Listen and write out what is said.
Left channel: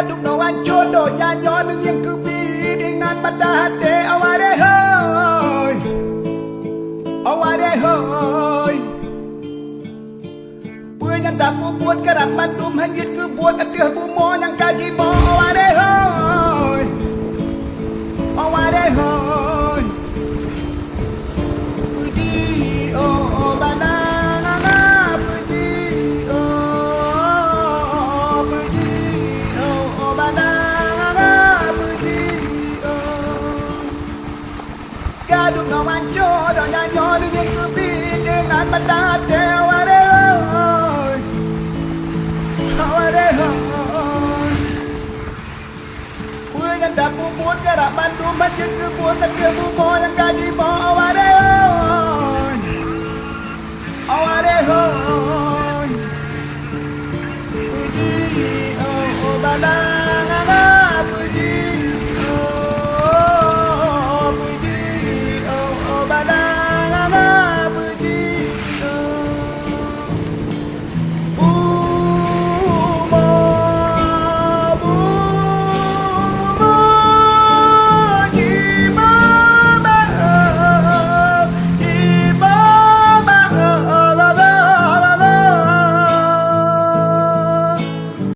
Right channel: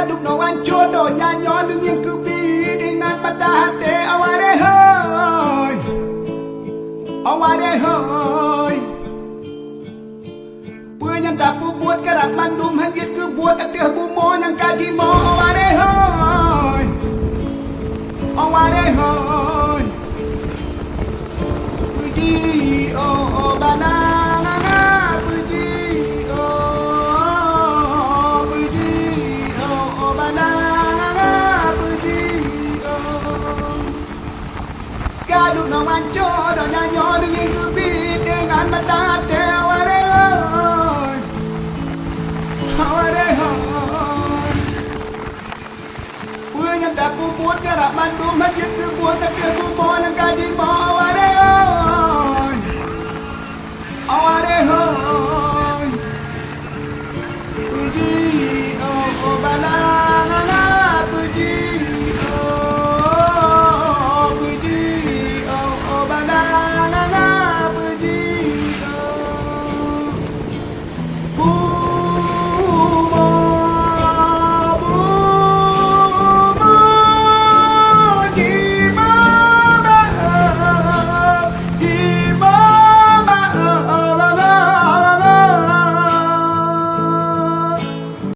Kaduk no wan chodo nyanyo nung yang kubi dengan pada hati aware hoy aware hoy Punya dapu buat kerap mandum hanjit ke buat atih bumo yang kaji mo aware hoy aware hoy Puji oh banana puji oh puji oh banana puji oh Kaduk no wan chodo nyanyo nung yang kubi dengan pada hati aware hoy aware hoy Punya dapu buat kerap mandum hanjit ke buat atih bumo yang kaji mo aware hoy aware hoy